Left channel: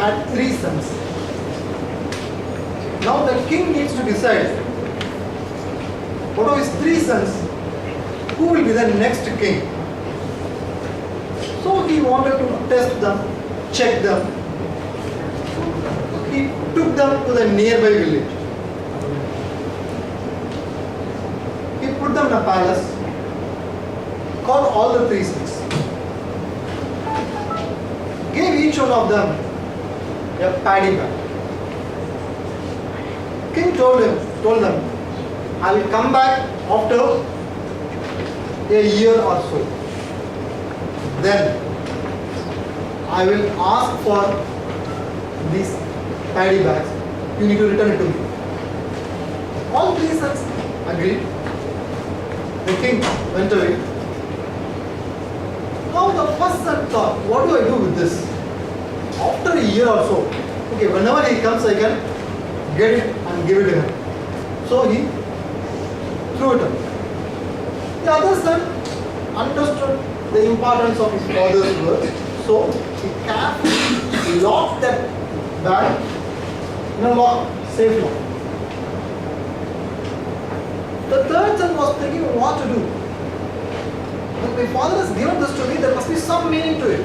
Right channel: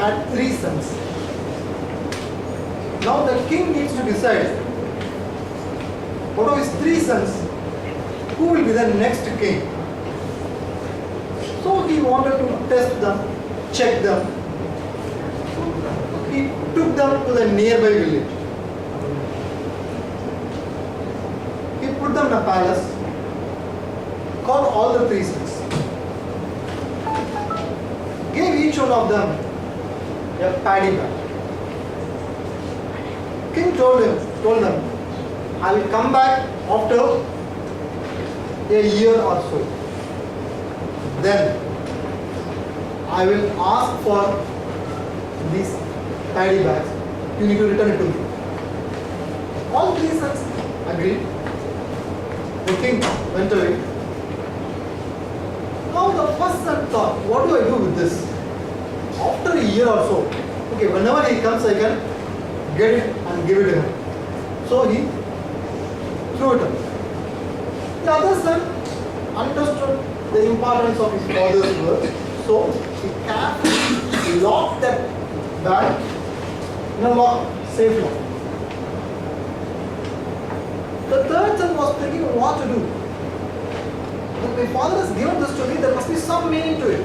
had 3 sons. Now the king needs to decide, out of his 3 sons, who will be the next king. So he wanted to test them, check them. He took them to the nearby village. He put them in a palace, called all the 3 sons, gave each one of them a paddy bag. King told them, I will come back after a year or so. Then I will ask for these paddy bags. You need to return it to me. All 3 sons agreed. The king went away. Now the first son thought, what do I do with this? After a year or so, okay, whenever he comes I can get it and give it to him. So he threw it away. The other son understood the importance of his father's words, so he carefully locked that bag in a lock, safe lock. The third son was thinking what to do. When my father has given this to me, there must be some meaning to it.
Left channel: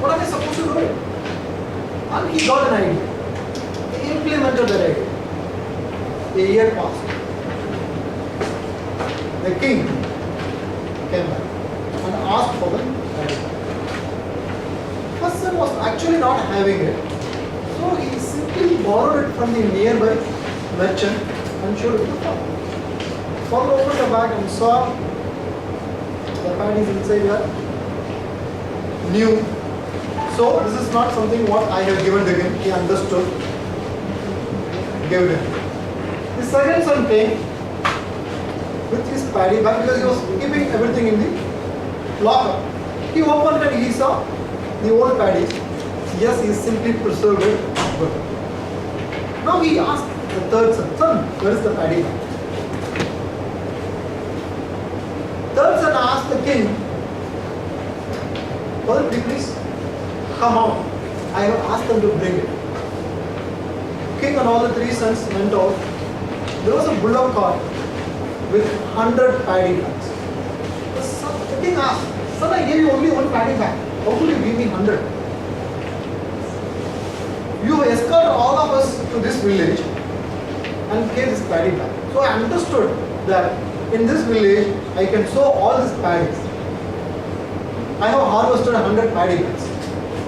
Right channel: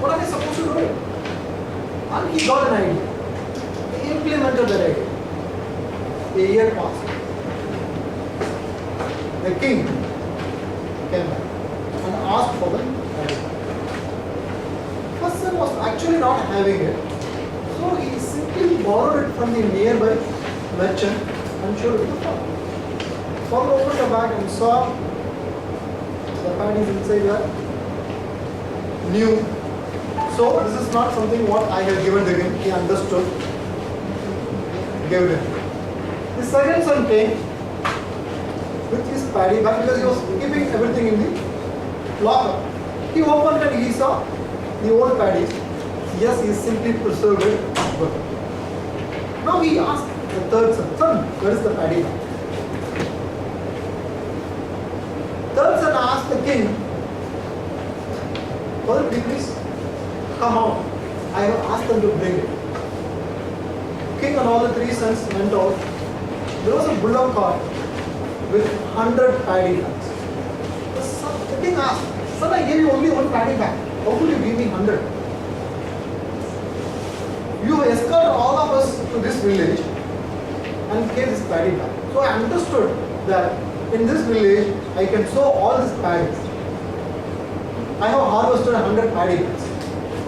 What am I supposed to do? And he got an idea. He implemented that idea. A year passed. The king came back and asked for the idea. First son was actually not having it. So he simply borrowed it from the nearby merchant and showed it to the father. Father opened the bag and saw the paddies inside are new. So this is not something what I have given to him. He understood. Gave it. The second son came with his paddy bag because he was keeping everything in the locker. He opened and he saw the old paddies. Yes, he simply preserved it. Good. Now he asked the third son, son, where is the paddy bag? Third son asked the king, well, please come out. I have asked them to bring it. King and all the 3 sons went out. There was a bullock cart with 100 paddy bags. The king asked, son, I gave you only 1 paddy bag. How could you give me 100? You escorted all of us to this village and gave this paddy bag. So I understood that in this village, I can sow all these paddies. I have harvested 100 paddy bags.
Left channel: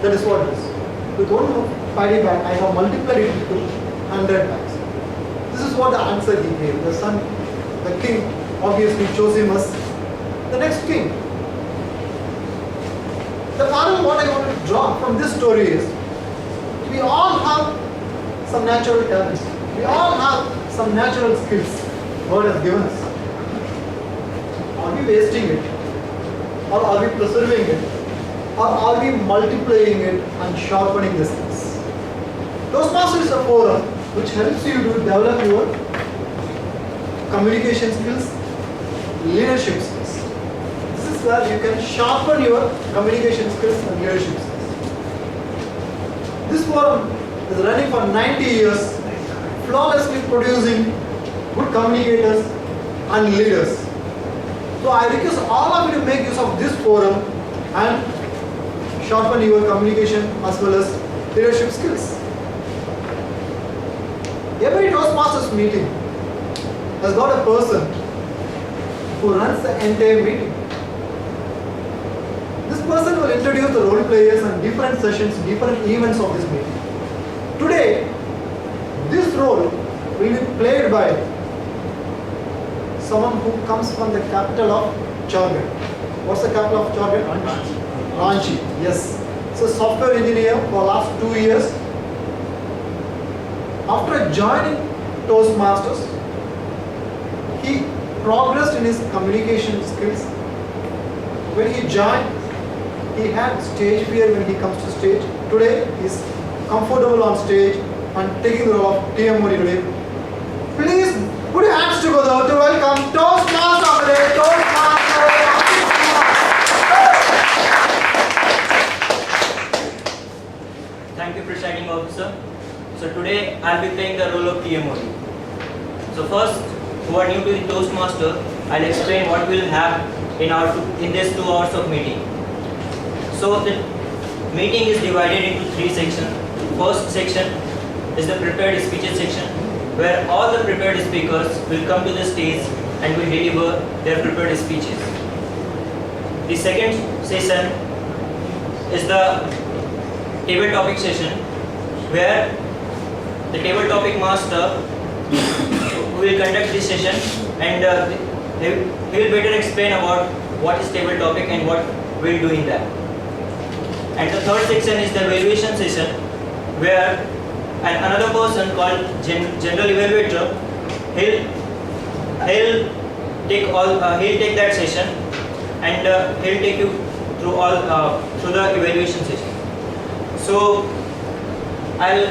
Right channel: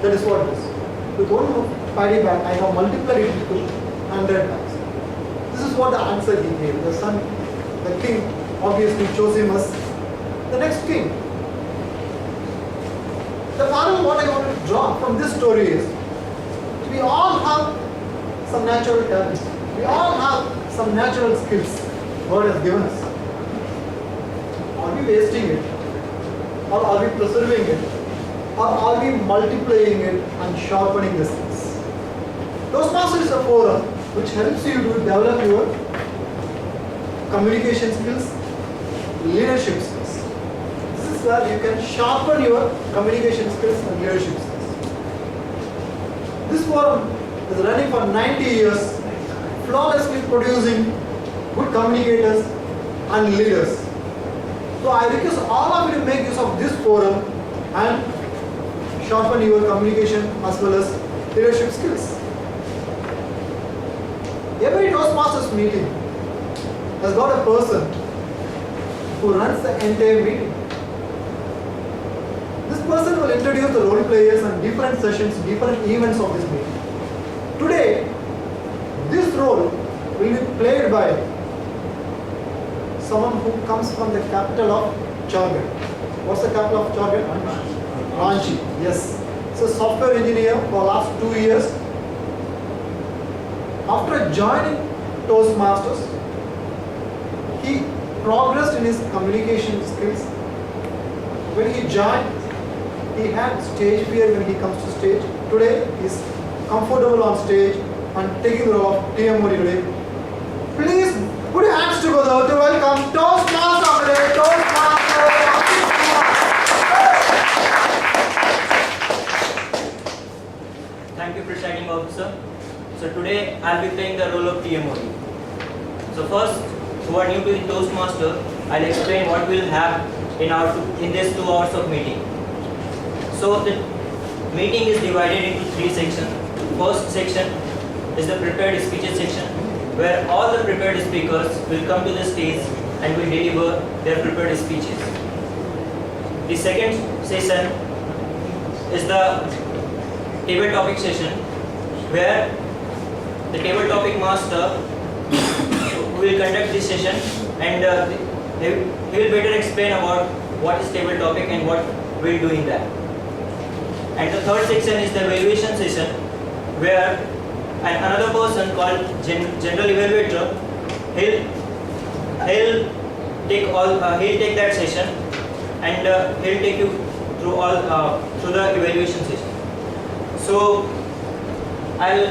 That is what it is. With 1 paddy bag, I have multiplied it into 100 bags. This is what the answer he gave. The son, the king, obviously chose him as the next king. The moral what I want to draw from this story is, we all have some natural talents. We all have some natural skills God has given us. Are we wasting it? Or are we preserving it? Or are we multiplying it and sharpening the skills? Toastmasters is a forum which helps you to develop your communication skills, leadership skills. This is where you can sharpen your communication skills and leadership skills. This forum is running for 90 years, flawlessly producing good communicators and leaders. So I request all of you to make use of this forum and sharpen your communication as well as leadership skills. Every Toastmasters meeting has got a person who runs the entire meeting. This person will introduce the role players and different sessions, different events of this meeting. Today, this role will be played by someone who comes from the capital of Jharkhand. What's the capital of Jharkhand? Ranchi. Yes. So software engineer for last 2 years. After joining Toastmasters, he progressed in his communication skills. When he joined, he had stage fear when he comes to stage. Today, he is comfortable on stage and taking the role of TM Modi today. Please put your hands together to welcome Toastmaster of the day, Toastmaster. Thank you, presiding officer. So today I'll be playing the role of TMOD. So first, who are new to the Toastmaster, I'll explain what we'll have in this 2 hours of meeting. So the meeting is divided into 3 sections. First section is the prepared speeches section, where all the prepared speakers will come to the stage and will deliver their prepared speeches. The second session is the table topic session, where the table topic master will conduct this session, and he will better explain about what is table topic and what we'll do in that. And the third section is the evaluation session, where another person called general evaluator, he'll take that session, and he'll take you through the evaluation session. So I'll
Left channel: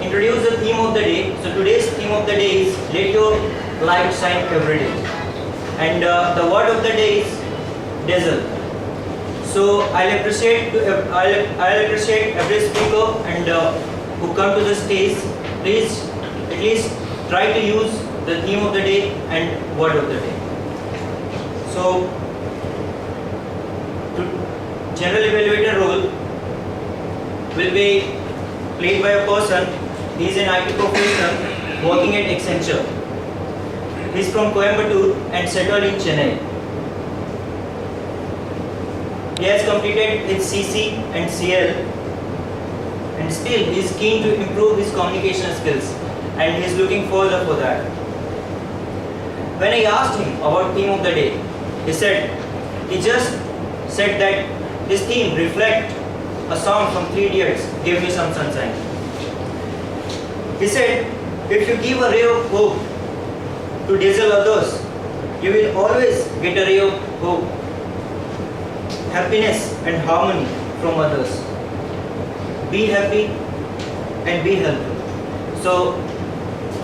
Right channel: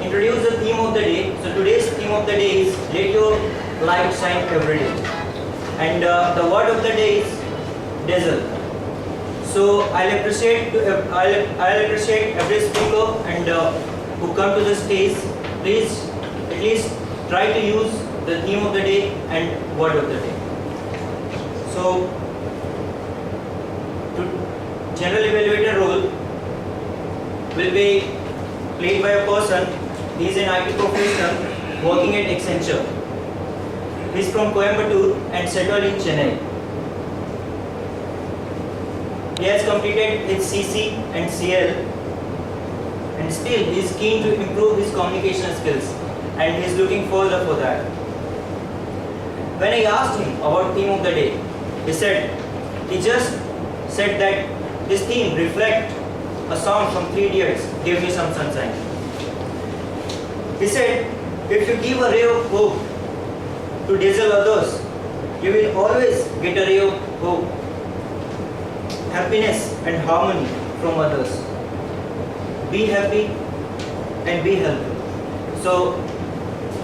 introduce the theme of the day. So today's theme of the day is let your light shine every day, and the word of the day is dazzle. So I'll appreciate every speaker and who come to the stage. Please at least try to use the theme of the day and word of the day. So general evaluator role will be played by a person. He is an IT professional working at Accenture. He is from Coimbatore and settled in Chennai. He has completed his CC and CL, and still he is keen to improve his communication skills, and he is looking further for that. When I asked him about theme of the day, he just said that this theme reflects a song from Three Idiots, Give Me Some Sunshine. He said, if you give a ray of hope to dazzle others, you will always get a ray of hope, happiness and harmony from others. Be happy and be healthy. So,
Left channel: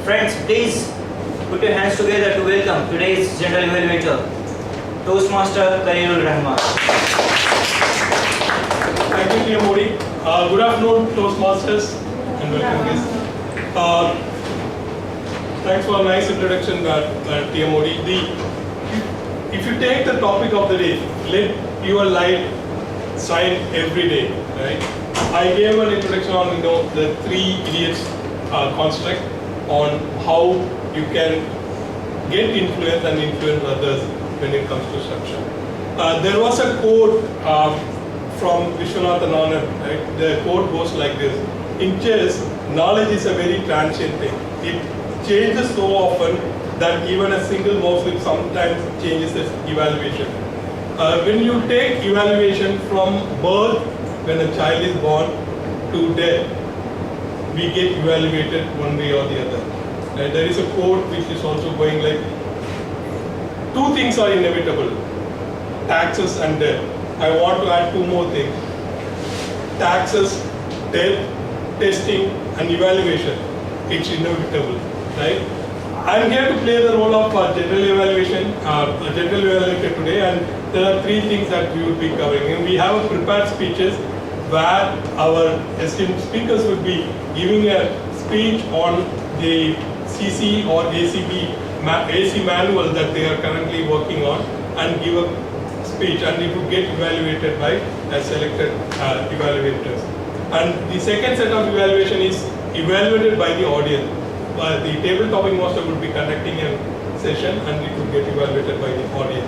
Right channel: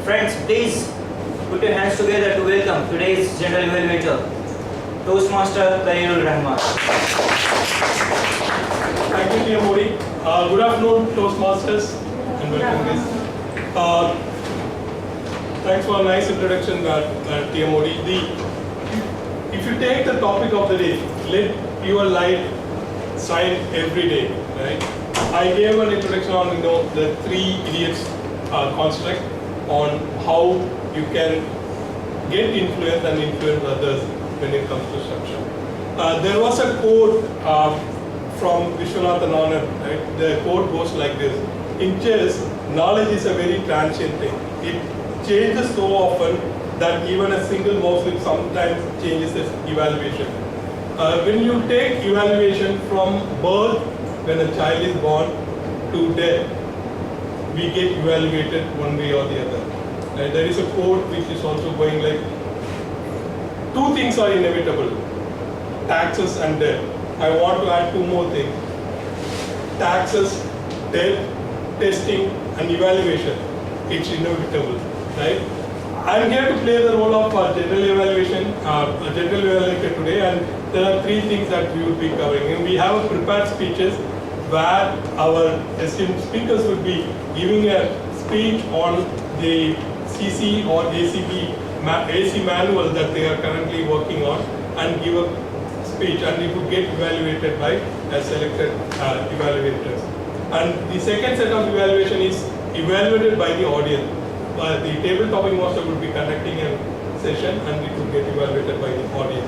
friends, please put your hands together to welcome today's General Evaluator, Toastmaster Khalilur Rahman. Thank you, TMOD. Good afternoon, Toastmasters, and welcome guests. Thanks for a nice introduction, TMOD. If you take the topic of the day, let your light shine every day, right? I gave an introduction on the Three Idiots construct on how you can get influence and influence others when it comes to structure. There was a quote from Vishwanathan Anand, right? The quote goes like this: in chess, knowledge is a very transient thing. It changes so often that even a single mouse slip sometimes changes its evaluation. When you take evaluation from birth, when a child is born, to death, we get evaluated one way or the other. There is a quote which is also going like, 2 things are inevitable: taxes and death. I want to add 2 more things: taxes, death, testing, and evaluation. It's inevitable, right? I'm here to play the role of general evaluator today, and there are 3 things that we will be covering. And we have a prepared speeches where our esteemed speakers will be giving a speech on the CC or AC manual that they are currently working on, and give a speech, and it would get evaluated by selected evaluators. And the second set of evaluation is evaluated by the audience. The table topic master would be conducting a session, and it would get evaluated by the audience.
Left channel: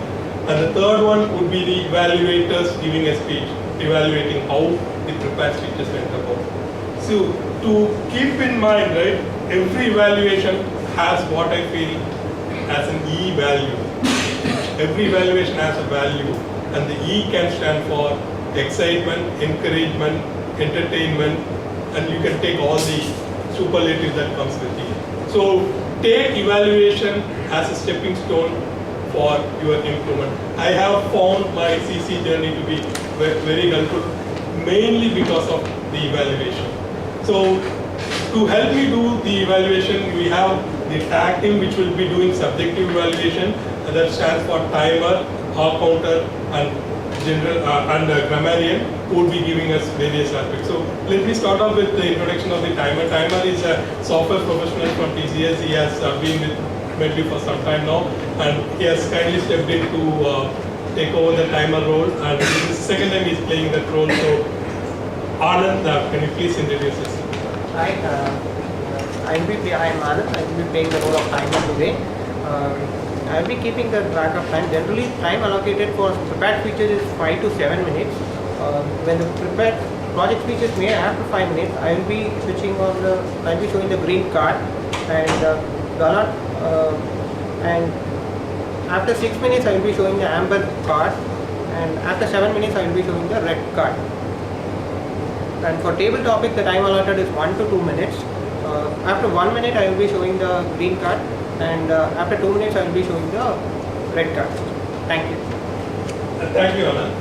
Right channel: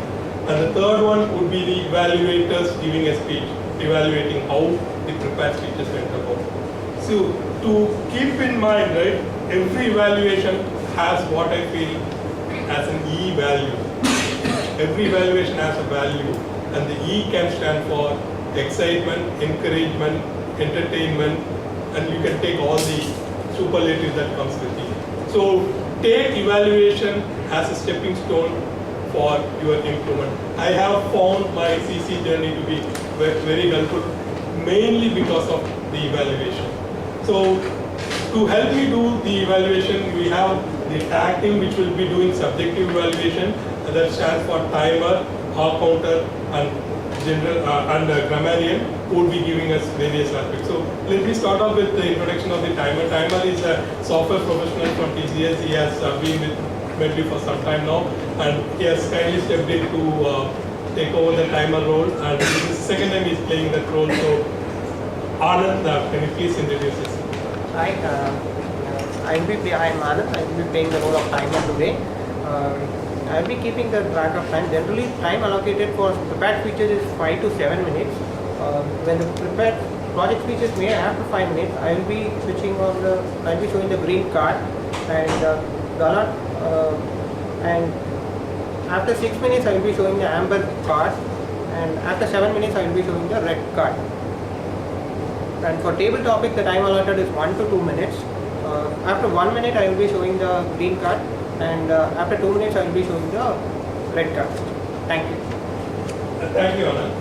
And the third one would be the evaluators giving a speech, evaluating how the prepared speeches went about. So to keep in mind, right, every evaluation has what I feel as an E value. Every evaluation has a value, and the E can stand for excitement, encouragement, entertainment, and you can take all the superlatives that comes with it. So take evaluation as a stepping stone for your improvement. I have found my CC journey to be very helpful, mainly because of the evaluation. So to help me do the evaluation, we have the tag team which will be doing subjective evaluation, that stands for timer, hall counter, and general and grammarian. who would be giving us various aspects. So let me start off with the introduction of the timer. Timer is a software professional from TCS. He has been with Medley for some time now, and he has kindly stepped in to take over the timer role, and this is the second time he's playing that role. So Anand, can you please introduce yourself? Hi, I am Anand. I will be playing the role of timer today. I will be keeping the track of time. Generally, time allocated for prepared speeches is 5 to 7 minutes. When the prepared project speeches may after 5 minutes, I will be switching on the. I will be showing the green card and and after 6 minutes, I will be showing the amber card, and after 7 minutes, I will be showing the red card. And for table topic, the time allotted is 1 to 2 minutes. After 1 minute, I will be showing the green card, and after 2 minutes, I will be showing the red card. Thank you. Thank you, Anand.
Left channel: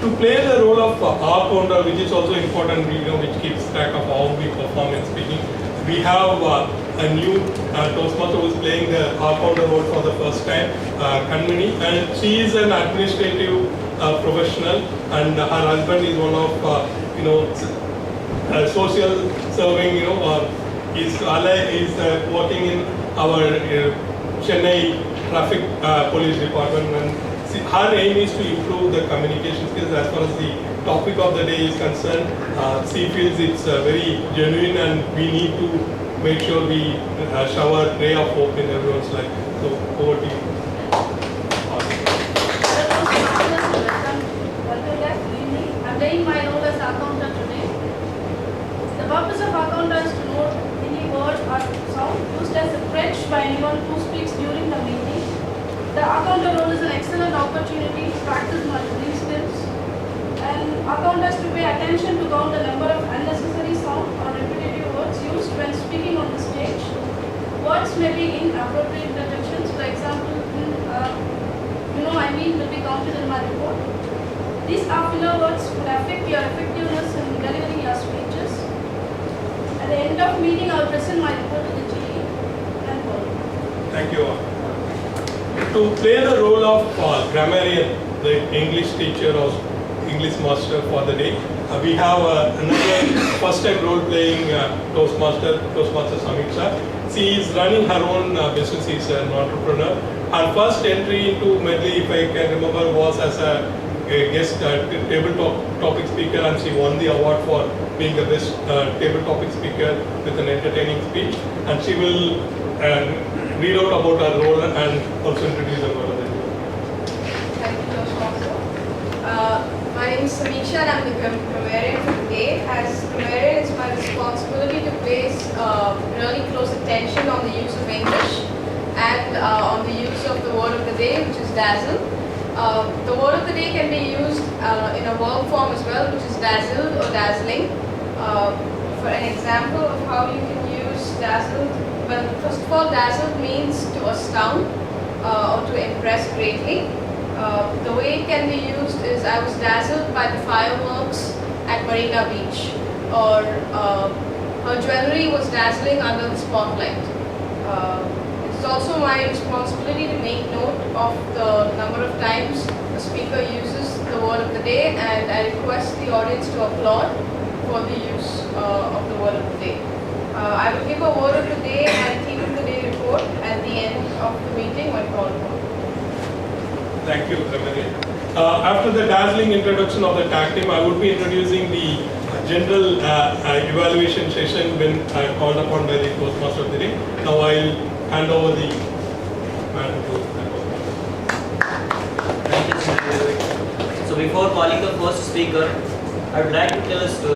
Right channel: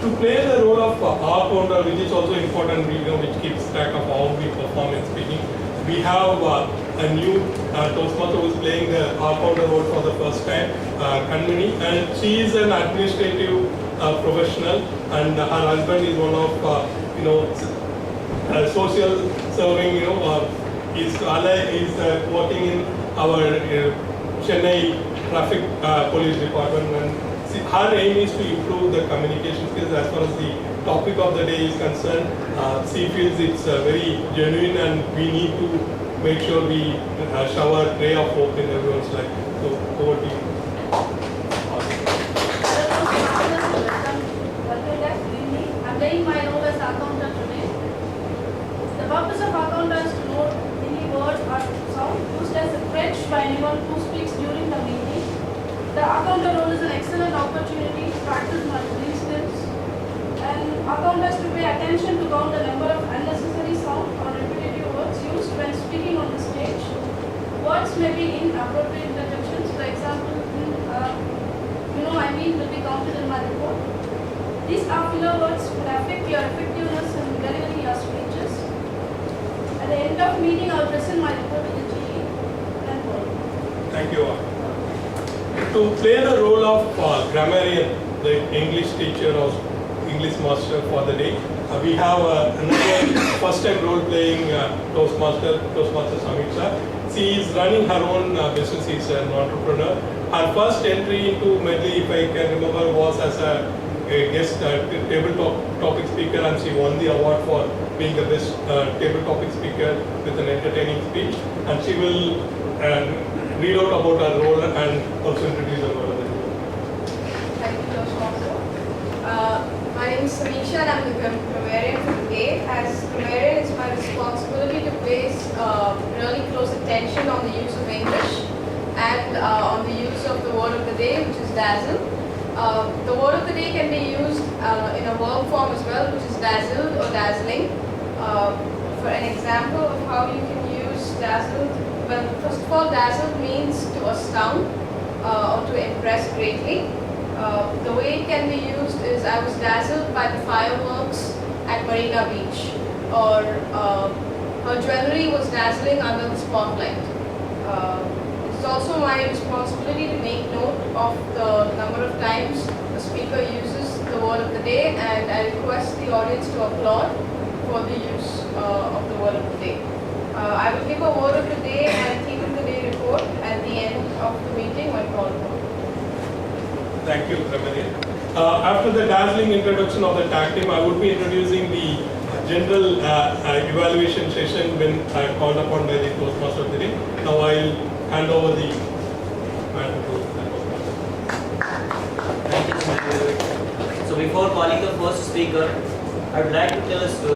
To play the role of R-pounder, which is also important, which keeps track of how we perform in speaking, we have a new Toastmaster who is playing the R-pounder role for the first time, Kanmani, and she is an administrative professional, and her husband is one of social serving. Is working in our Chennai traffic police department, and her aim is to improve the communication skills as far as the topic of the day is concerned. She feels it's very genuine, and we need to make sure we shower a ray of hope in everyone's life. So over to you. I'm playing my role as accountant today. The purpose of accountant is to note any word or sound used as a crutch by anyone who speaks during the meeting. The accountant role is an excellent opportunity to practice my reading skills, and accountants to pay attention to count the number of unnecessary sound or repetitive words used when speaking on the stage. Words may be inappropriate interjections. For example, will be counted in my report. These filler words could affect your effectiveness in delivering your speeches. At the end of meeting, I will present my report to the GE and board. Thank you all. To play the role of grammarian, the English teacher or English master for the day, we have another first time role playing Toastmaster Samiksha. She is running her own business, she is an entrepreneur. Her first entry into Medley, if I can remember, was as a guest table topic speaker, and she won the award for being the best table topic speaker with an entertaining speech. And she will read out about her role and also introduce her role. Thank you, Toastmaster. My name is Samiksha, and I'm the grammarian for today. As grammarian, it's my responsibility to place really close attention on the use of English and on the use of the word of the day, which is dazzle. The word of the day can be used in a verb form as well, which is dazzled or dazzling. For an example of how you can use dazzled, well, first of all, dazzled means to astound or to impress greatly. The way it can be used is, I was dazzled by the fireworks at Marina Beach, or her jewelry was dazzling under the spotlight. It's also my responsibility to make note of the number of times the speaker uses the word of the day, and I request the audience to applaud for the use of the word of the day. I will give a word of the day and theme of the day report at the end of the meeting when called for. Thank you, Ramani. After the dazzling introduction of the tag team, I would be introducing the general evaluation session when called upon by the Toastmaster of the day. Now I'll hand over the matter to the Toastmaster. Thank you, Sir. So before calling the first speaker, I would like to tell a story.